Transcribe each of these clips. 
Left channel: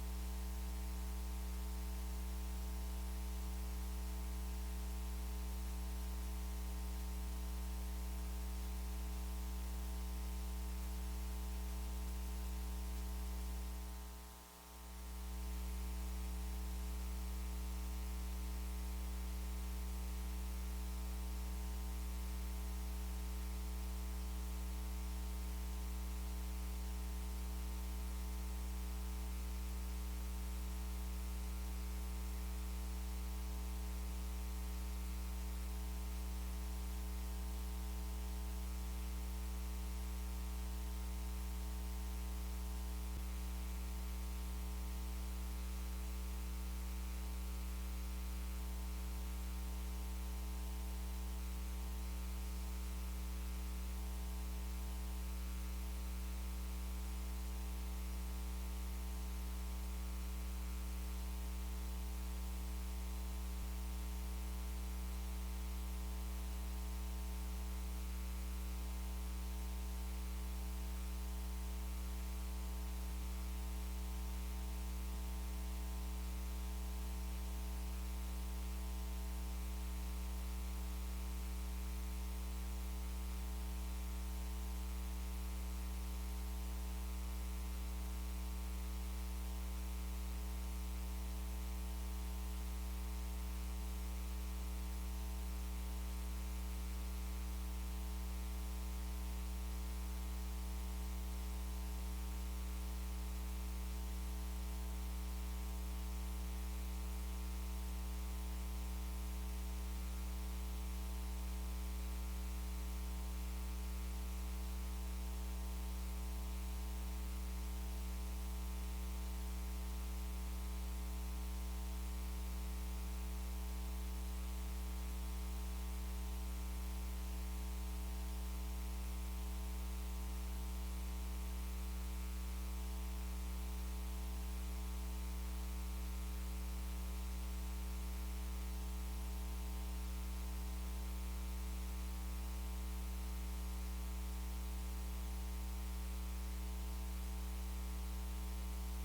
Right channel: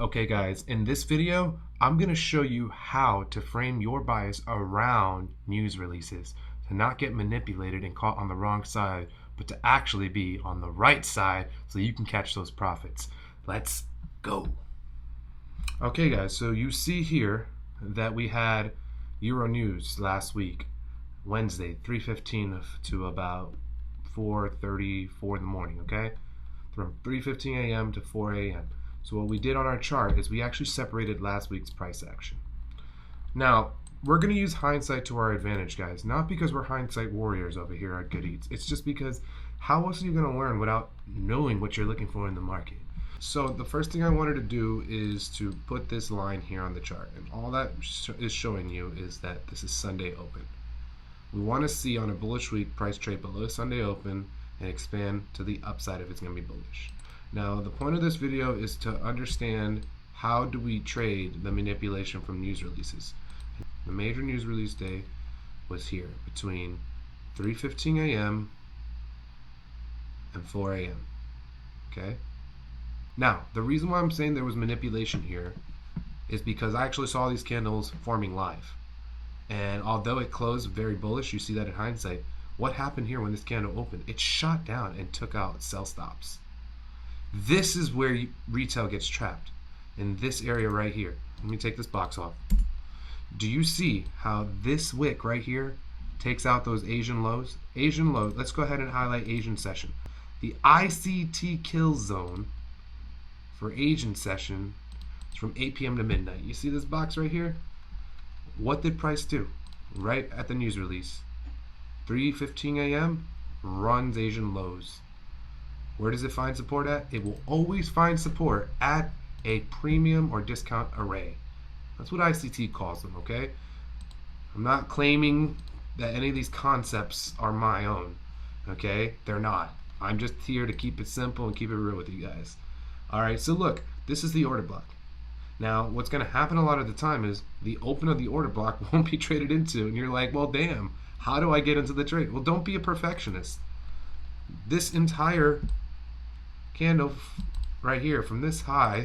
Okay guys, in this video, I'm going to show you how to frame your bias around news releases to not get manipulated and caught on the wrong side, but to actually be on the right side so you can catch those profits. Let's go. Okay guys, so you see here that we had Euro News last week, Wednesday, 3:15 to about 4:34 in the morning, okay? From 3:15 a.m. to 4 a.m. So what we did on our chart is we actually separated last week's price action. Now, we're going to use hindsight to our advantage, guys. Not because we're hindsight warriors over here at Good Eats. It's just because how else are you going to learn without knowing what you're looking for in the market? So the first thing I wanted to do is to put this line here on the chart. And all that is showing you is that this is Sunday open. We want to see on a bullish week price trade below Sunday open and expand to the upside if it's going to be bullish. Now, the point of this video is to understand how do we trade the manipulation from news releases. The major news release day was here between 3:15 a.m. and 4 a.m. Okay? Now, the reason why I'm saying there was manipulation here is because I actually saw these candles forming live. And although it closed very bullish, you see that in hindsight, what happened here when this candle opened? It shot down and took out sell stops. This is where retail gets trapped, in this area right here. Let me take this box off. Do you see how this wick right here takes out those Asian lows? Asian lows, let's go ahead and highlight Asian session. The ICT kill zone for Asian session is from 8 p.m. to midnight. You see this box right here? What did price do? Right at the news release. 3:15 a.m. runs Asian lows. Where does it find support at? It will always find support at a premium or discount array. That's what ICT calls them, okay? I'm not claiming that any of these concepts are my own, okay? They're not. I'm just here to keep it simple and keep it real with you guys. Alright, so look, this is the order block. Now, what's going to happen a lot of the time is the open of the order block won't be traded into, and you're like, well, damn, how do I get into the trade? Well, don't be a perfectionist. This entire candle right here from this high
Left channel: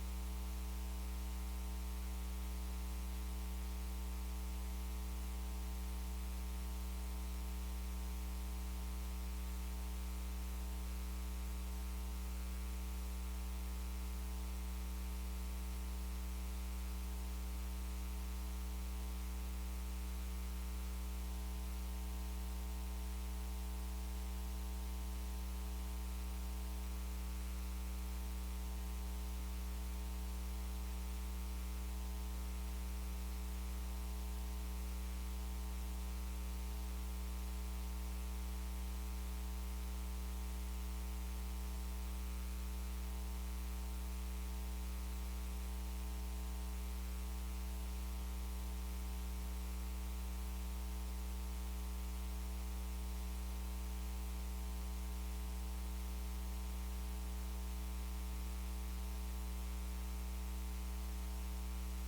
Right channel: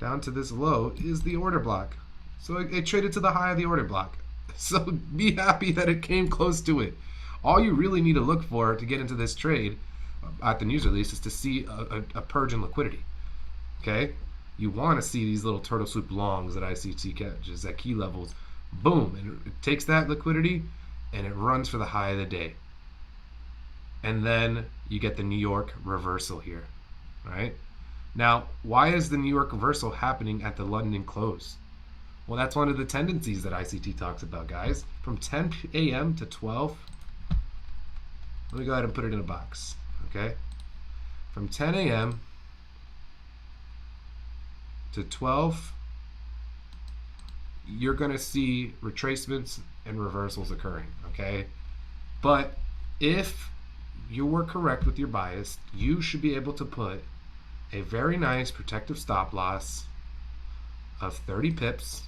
down to this low is the order block. So it traded to the high of the order block. So be happy that it came close to it. All you really need to look for to get into this trade at the news release is to see a purge in liquidity. Okay? You want to see these little turtle soup longs that ICT catches at key levels. Boom. And it takes that liquidity and it runs for the high of the day. And then you get the New York reversal here. Right? Now, why is the New York reversal happening at the London close? Well, that's one of the tendencies that ICT talks about, guys. From 10 a.m. to 12, let me go ahead and put it in a box, okay? From 10 a.m. to 12, you're going to see retracements and reversals occurring, okay? But if you were correct with your bias, you should be able to put a very nice protective stop loss of 30 pips,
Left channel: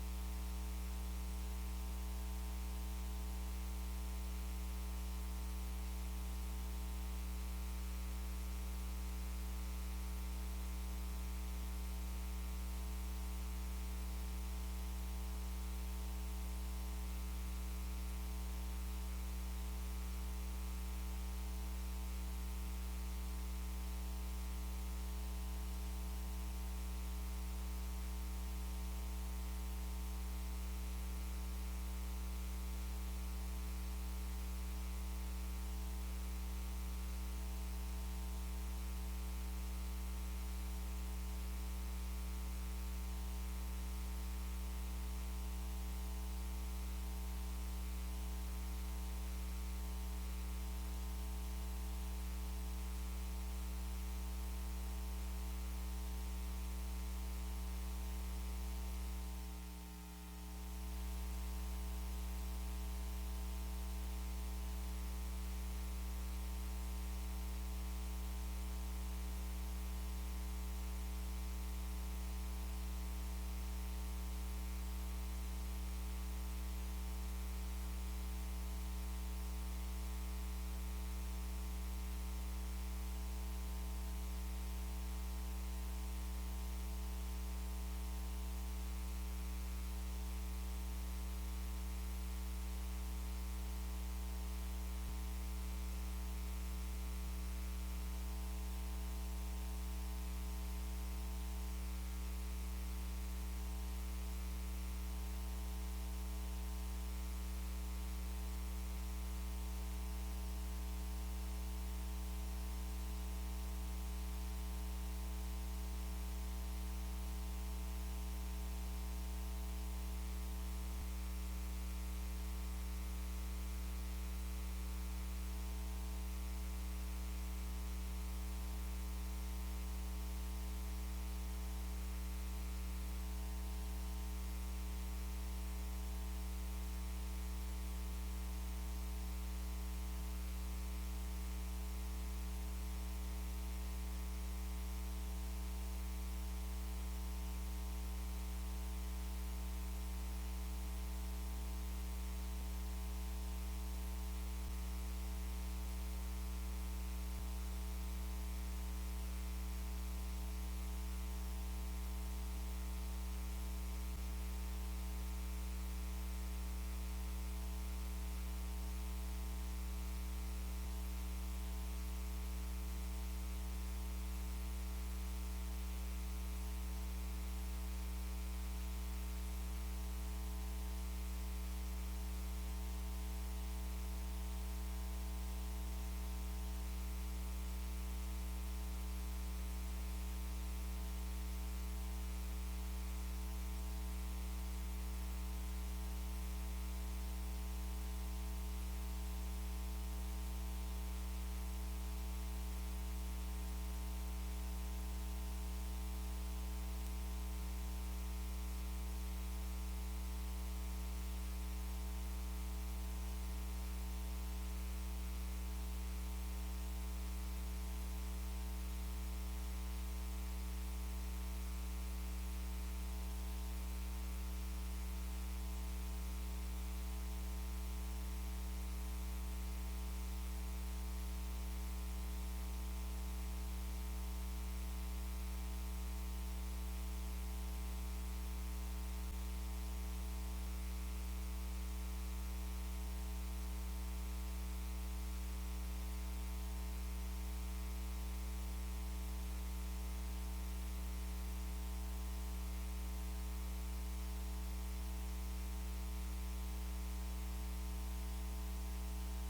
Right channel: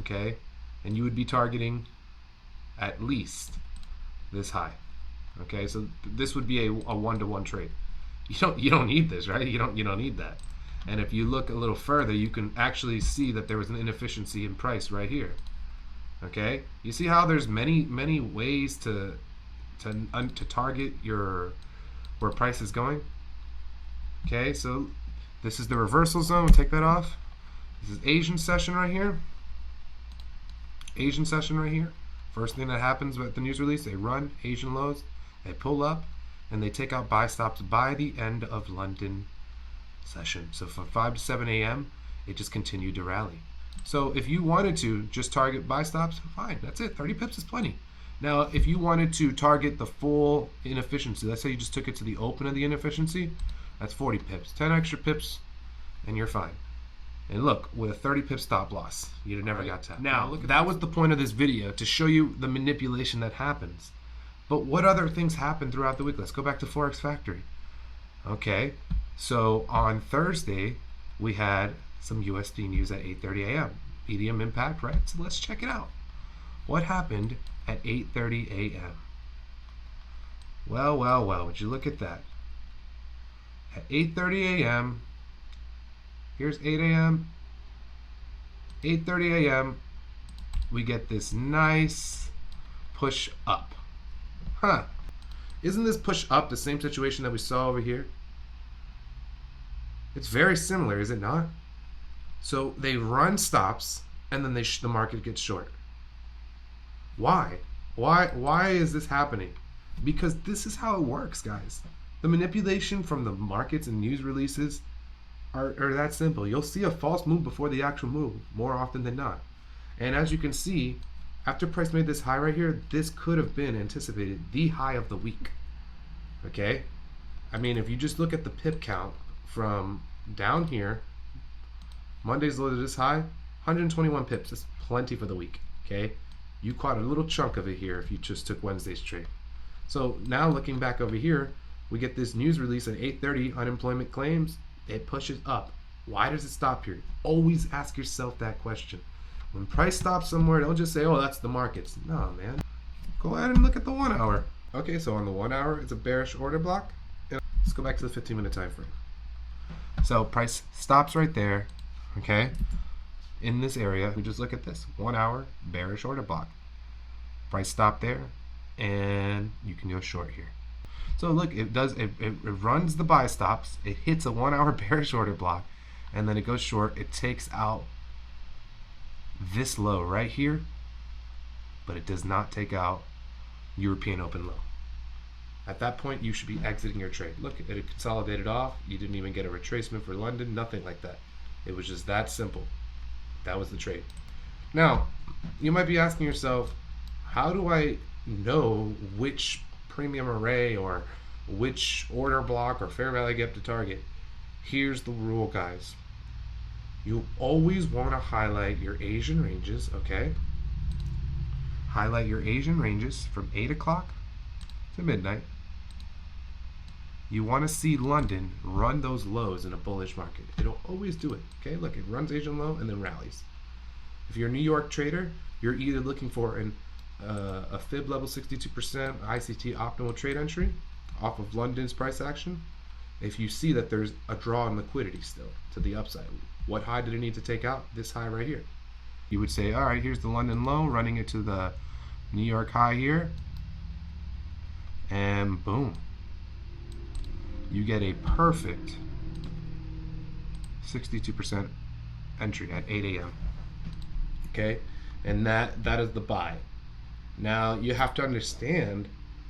okay, and you would be targeting at least this high, okay. So this would be a one-to-one trade. You don't need this, right? You don't need that. And if you look a little further, you can actually see that there was an inefficiency in price right here, okay. You see how there's many ways to target your where price is going. Okay, so this is the reversal zone. We'll take that off. This is Asian session right here. Asian session right here. First thing that happens with the news release, they run Asian lows, they pull up, and they take out buy stops by the end of London session. So from 5 to 7 a.m., it just continued to rally. So if you wanted to just target buy stops, fine, that's it. 30 pips is plenty. Now, if you wanted to target the full inefficiency, let's say you just took it to the open of the inefficiency, that's 40 pips. 10 extra pips, and you're fine. And look, with a 30 pip stop loss, you'd have never got tapped. Now, that was the point of this video, to show you the manipulation that happens. But what other things happen throughout the week? Let's go back to Forex Factory. Okay, so on Thursday, we had some USD news at 8:30 a.m. EDM impact, right? So let's check it out. What happened at 8:30 a.m.? Well, would you look at that? At 8:30 a.m., Here's 8 a.m., 8:30 a.m. We get this nice push up. Huh. Isn't this push up the same situation that we saw over here? It's very similar, is it not? So they run stops, and then the market gets short. Why? Why is this happening? Because this is how it works, guys. The manipulation from the markets and news releases are that simple. You'll see a false move before the actual move more often than not. And as you can see, after price made this high right here, this could have been anticipated the high of the week. Okay? I mean, if you just look at the pip count from down here, Monday's low to this high, 121 pips. That's plenty for the week. Okay? You caught a little chunk of it here if you just took Wednesday's trade. So now looking back over here, we get this news release at 8:30, unemployment claims. It pushes up. Why does it stop here? Always ask yourself that question. When price stops somewhere, don't just say, oh, that's the markets. No, man. Go ahead and look at the 1 hour. Okay, so on the 1 hour, it's a bearish order block. Let's go back to the 15-minute time frame. So price stops right there, okay? In this area, we just look at this. 1 hour, bearish order block. Price stop there, and you can go short here. So look, it runs the buy stops, it hits a 1 hour bearish order block, and then it goes short. It takes out this low right here, but it does not take out European open low. At that point, you should be exiting your trade. Look, it consolidated off. You didn't even get a retracement for London, nothing like that. It was just that simple. That was the trade. Now, you might be asking yourself, how do I know which premium array or which order block or fair value gap to target? Here's the rule, guys. You always want to highlight your Asian ranges, okay? Highlight your Asian ranges from 8 o'clock to midnight. You want to see London run those lows in a bullish market. It'll always do it, okay? Look, it runs Asian low and then rallies. If you're a New York trader, you're either looking for a fib level 62% ICT optimal trade entry off of London's price action. If you see that there's a draw in liquidity still to the upside, what high did it need to take out? This high right here. You would say, all right, here's the London low, running it to the New York high here, and boom, you get a perfect 62% entry at 8 a.m. Okay, and that is the buy. Now you have to understand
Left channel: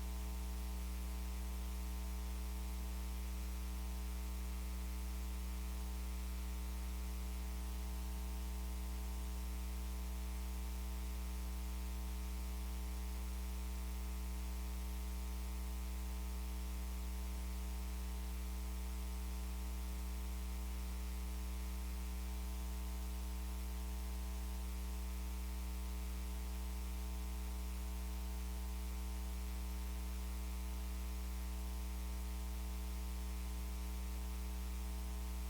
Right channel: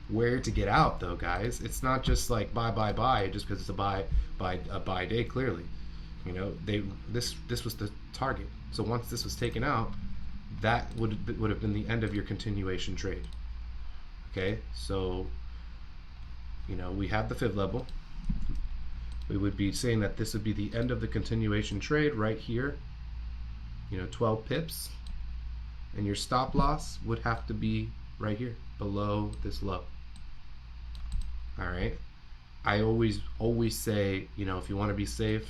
where to get out, though, guys. It's not just like buy just because it's a buy day. Clearly, you know, this was the target. So once this was taken out, that would have been the end of your continuation trade. Okay, so you know, we have the fib level. We would be saying that this would be the end of the continuation trade right here. You know, 12 pips, and your stop loss would have to be right here below this low. All right, I always say, you know, if you want to be safe,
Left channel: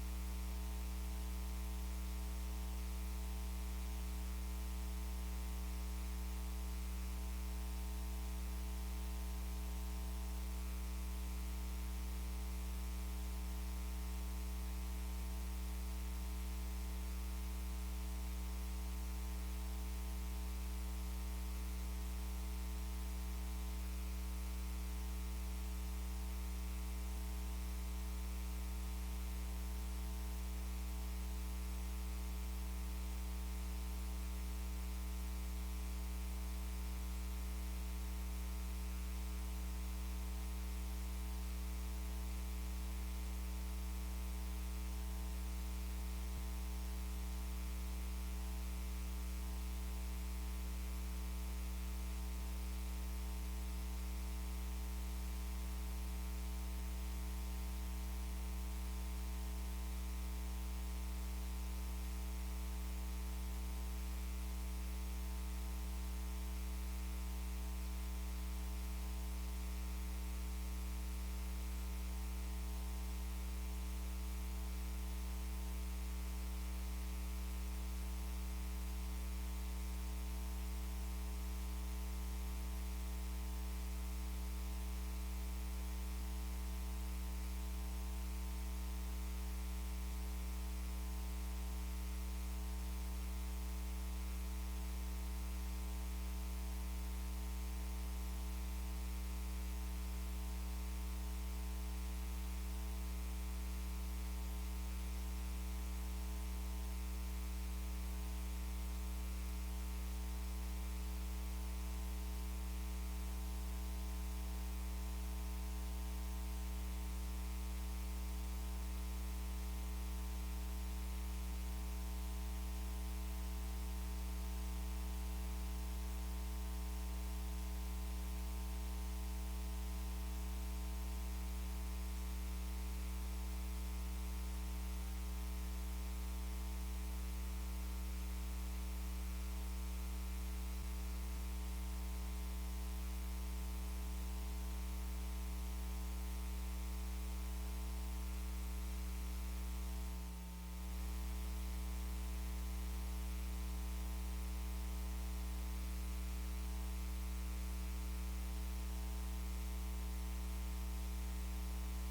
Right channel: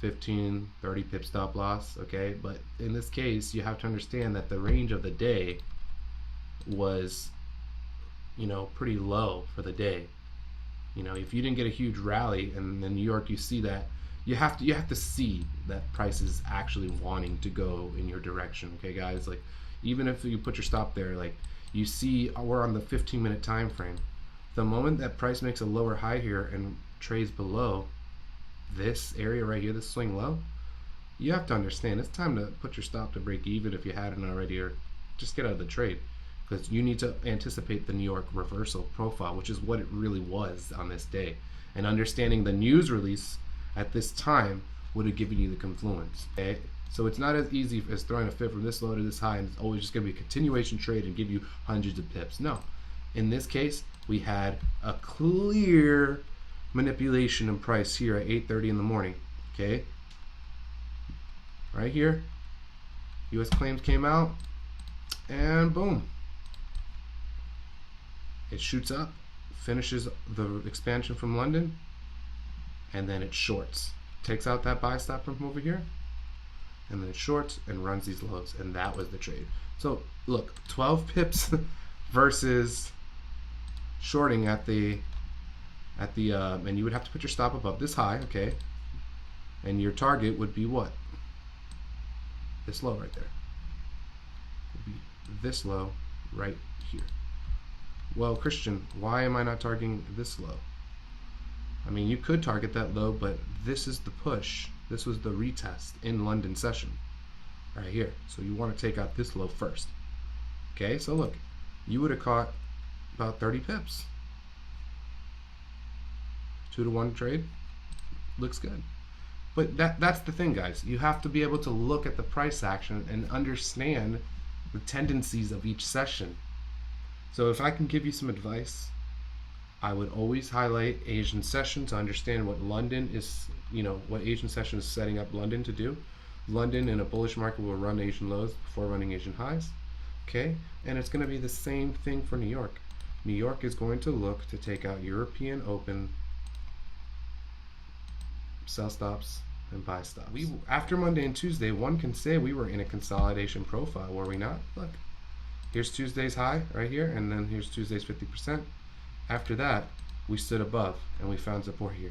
15, 30 pip stop loss, okay? But in this case, you have to understand that the range of the day was, you know, pretty low for the day. You know, if you didn't get a huge rally, and in New York you see that, you have to see that price is actually wanting to go in your direction. Okay, guys, like even if you put your stop there, like you see we're on the 15-minute time frame. The moment that price makes a lower high here and trades below this area right here, this swing low, you have to understand it's time to put your stop to break even if you hadn't already, or just get out of the trade, because you need to anticipate the New York reversal profile, which is what it really was on this day. And understanding the news release at this time would have given you the confluence. Okay, so it's not as easy as throwing a fib from this low to this high and it's always just going to be a continuation trade and give you hundreds of pips. No, in this case we had a clear manipulation in price here at 8:30 in the morning. Okay, right here, U.S. claims came out, and boom, it shoots up, finishes the expansion from London, and then it shorts, takes out that buy stop from over here, and then it shorts and runs these lows, and that was the trade. So look, 12 pips versus shorting at the and you would have to put your stop above this high, okay? And your target would be what? This low right there. Would be this low right here. Well, Christian, why am I not targeting this low? I mean, you could target that low, but this is the push. This was the retest in London session right here. So you want to take out this low first. Okay, so look, you would have caught about 30 pips. 2-to-1 trade. Looks good. But that's the thing, guys. You have to be able to look at the price action and understand the tendencies of each session. So if I can give you some advice, I would always highlight Asian session to understand what London is, what Asian session is setting up London to do. London in a bullish market will run Asian lows before running Asian highs. Okay? And it's going to be the same thing for New York. New York is going to look to take out European open sell stops and buy stops. After Monday and Tuesday, one can say we were in a consolidation profile, were we not? Look, here's Tuesday's high right here, and then here's Tuesday's 50%. After that, we stood above and we found support here.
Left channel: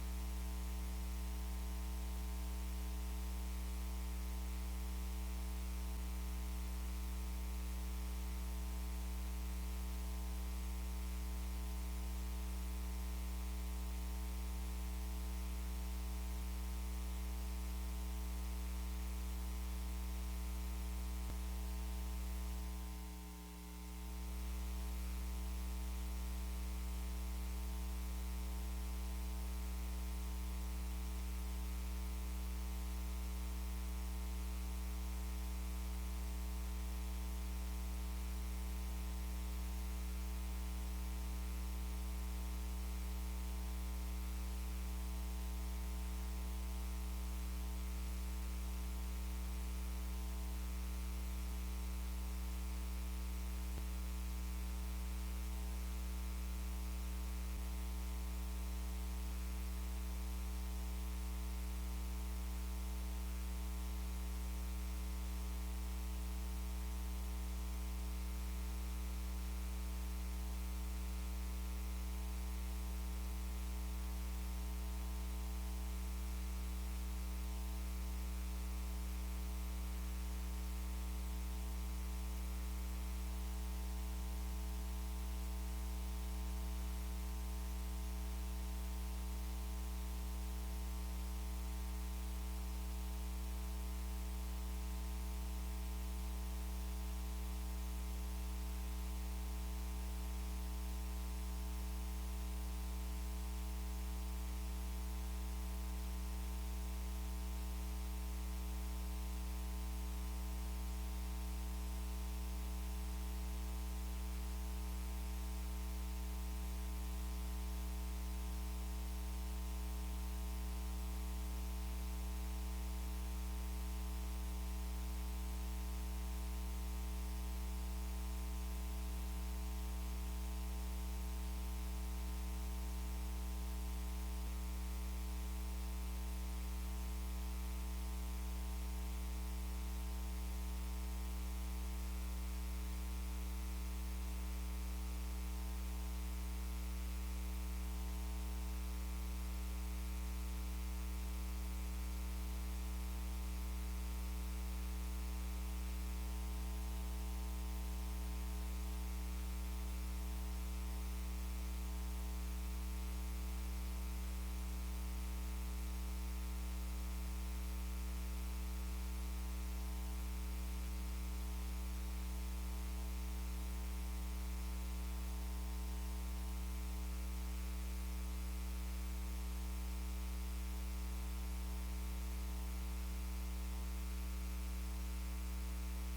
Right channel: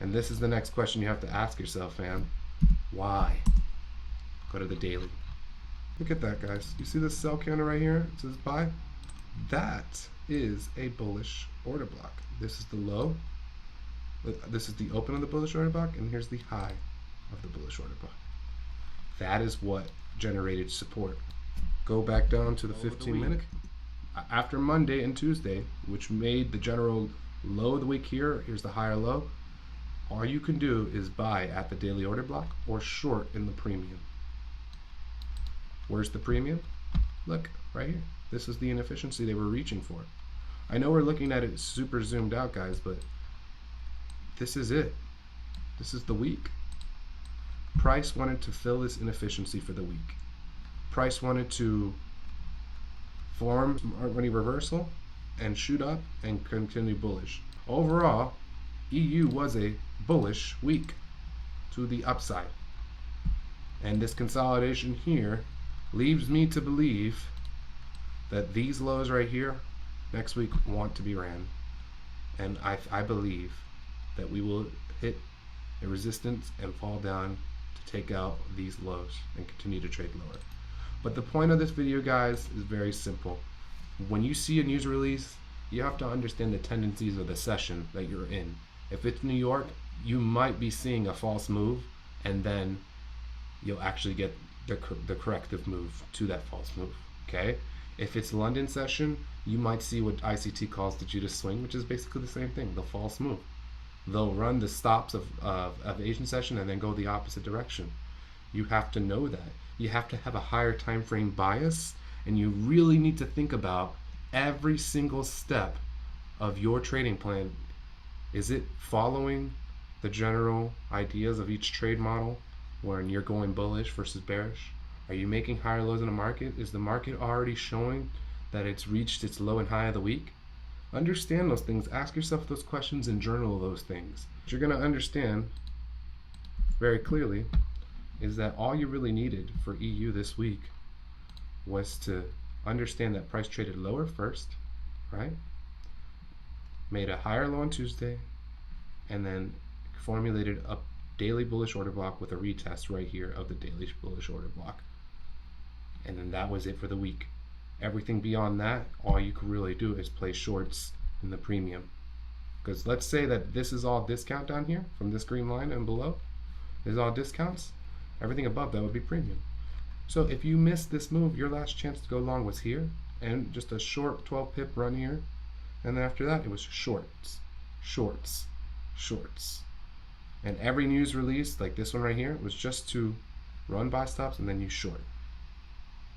And this is the next question you have to ask yourself, fam. Why? Go to the daily. Look at that, guys. You see this sell counter right here? It says buy. That is a bullish order block. This is the low. This is the open of the bullish order block, and here's the high of the bullish order block. That is what generated support. Go back down to the 15-minute. After Monday and Tuesday, which made the general low of the week here, here's the higher low. All you can do is buy at the daily order block or short in the premium. Where's the premium? Look, right here. This is the inefficiency they were reaching for. I know we're looking at it super zoomed out, guys, but this is it. This is the week. Price wanted to fill this inefficiency for the week. Price wanted to form Smart Money reversal and shoot up and continue bullish. Overall, EU was a bullish week to the upside. And this consolidation here leaves me to believe that these lows right here next week want to be ran. And I believe that we will hit a resistance and fall down to take out these lows and continue to trade lower. But the point of this video, guys, is very simple. When you see a news release, you have to understand the tendencies of the session that you're in. If it's New York, you might be seeing a false move, and then you'll actually get the corrective move to that false move. Okay? If it's London session, you might see what ICT calls the Judas swing, which is basically the same thing, the false move. They'll run the stops of the Asian session and then go the opposite direction. You have to know that. You have to have a higher time frame bias, and you really need to think about every single step of your trading plan. Is it following the general ideas of each trade model when you're going bullish versus bearish? Are you making higher lows in the market? Is the market already showing that it's reached its low and high of the week? Understand those things. Ask yourself those questions and journal those things. What you're going to understand very clearly is that all you really needed for EU this week was to understand that price traded lower first, right? Made a higher low on Tuesday, and then formulated a daily bullish order block with a retest right here of the daily bullish order block. And then that was it for the week. Everything beyond that, all you can really do is play shorts in the premium. Because let's say that this is all discount down here, from this green line and below, is all discounts. Everything above that would be premium. So if you missed this move, your last chance to go long was here, and just a short 12 pip run here. And then after that, it was shorts, shorts, shorts. And every news release, like this one right here, was just to run buy stops and then you short.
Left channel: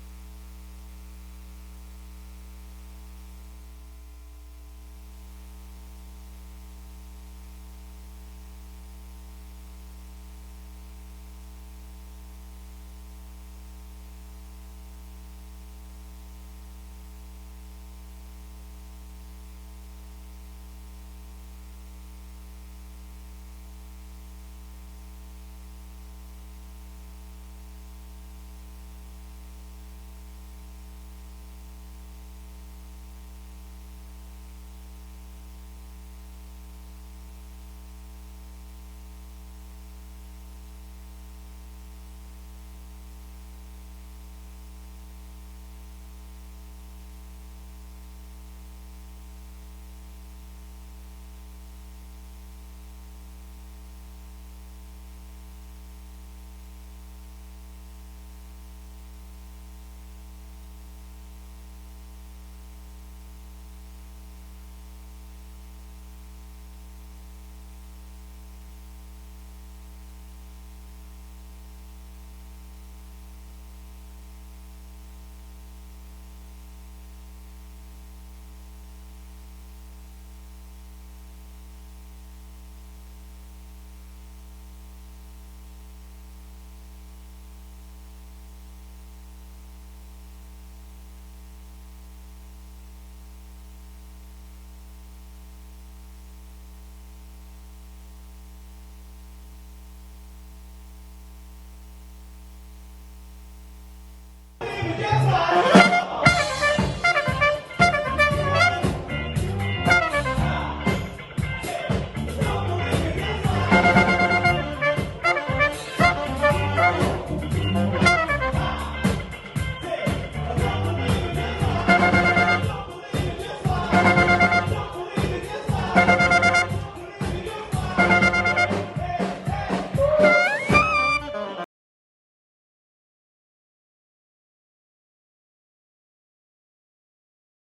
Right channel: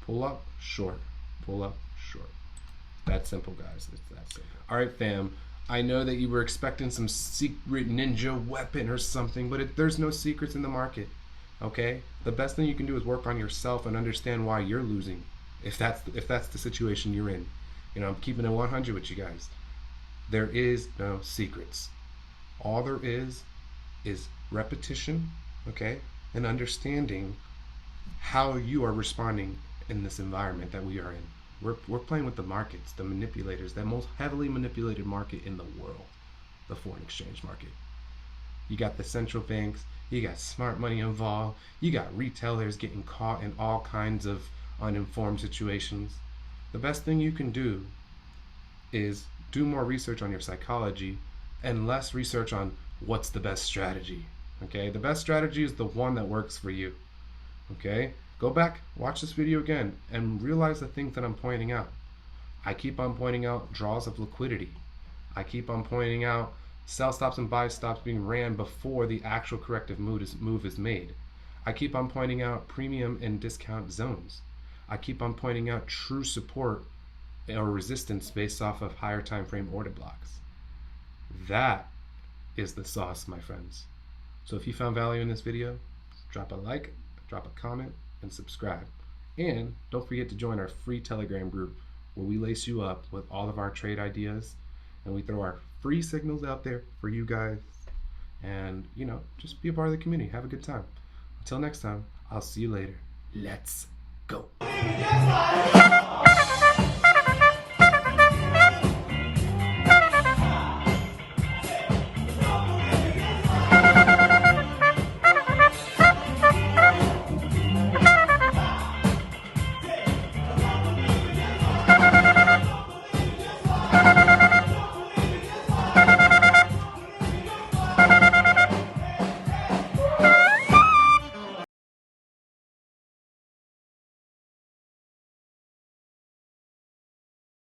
Pull up, short. Pull up, short. That simple, guys. It's that simple. Alright, fam. I know that you were expecting some secret ninja weapon or something, but there's no secrets in the market. Okay? The best thing you can do is work on yourself and understand why you're losing. If that's the situation you're in. You know, I'm keeping it 100 with you guys. There is no secrets. All there is repetition, okay, and understanding how you are responding in this environment that we are in. We're playing with the markets, the manipulators, the most heavily manipulated market in the world, the foreign exchange market. You got the central banks, You got smart money involved. You got retailers getting caught in all kinds of uninformed situations. The best thing you can do is do more research on your psychology and less research on what's the best strategy. Okay? The best strategy is the one that works for you. Okay? Go back, watch this video again, and realize the things that I'm pointing out. I keep on pointing out draws of liquidity. I keep on pointing out sell stops and buy stops being ran before the actual corrective move is made. I keep on pointing out premium and discount zones. I keep on pointing out true support or resistance based off of higher time frame order blocks. That is the sauce, my friends. So if you found value in this video, drop a like, drop a comment, and subscribe. And don't forget to join our free Telegram group where we lace you up with all of our trade ideas and we throw our free signals out there for you guys. And, just be a part of the community. Have a good time. Until next time, I'll see you later. Let's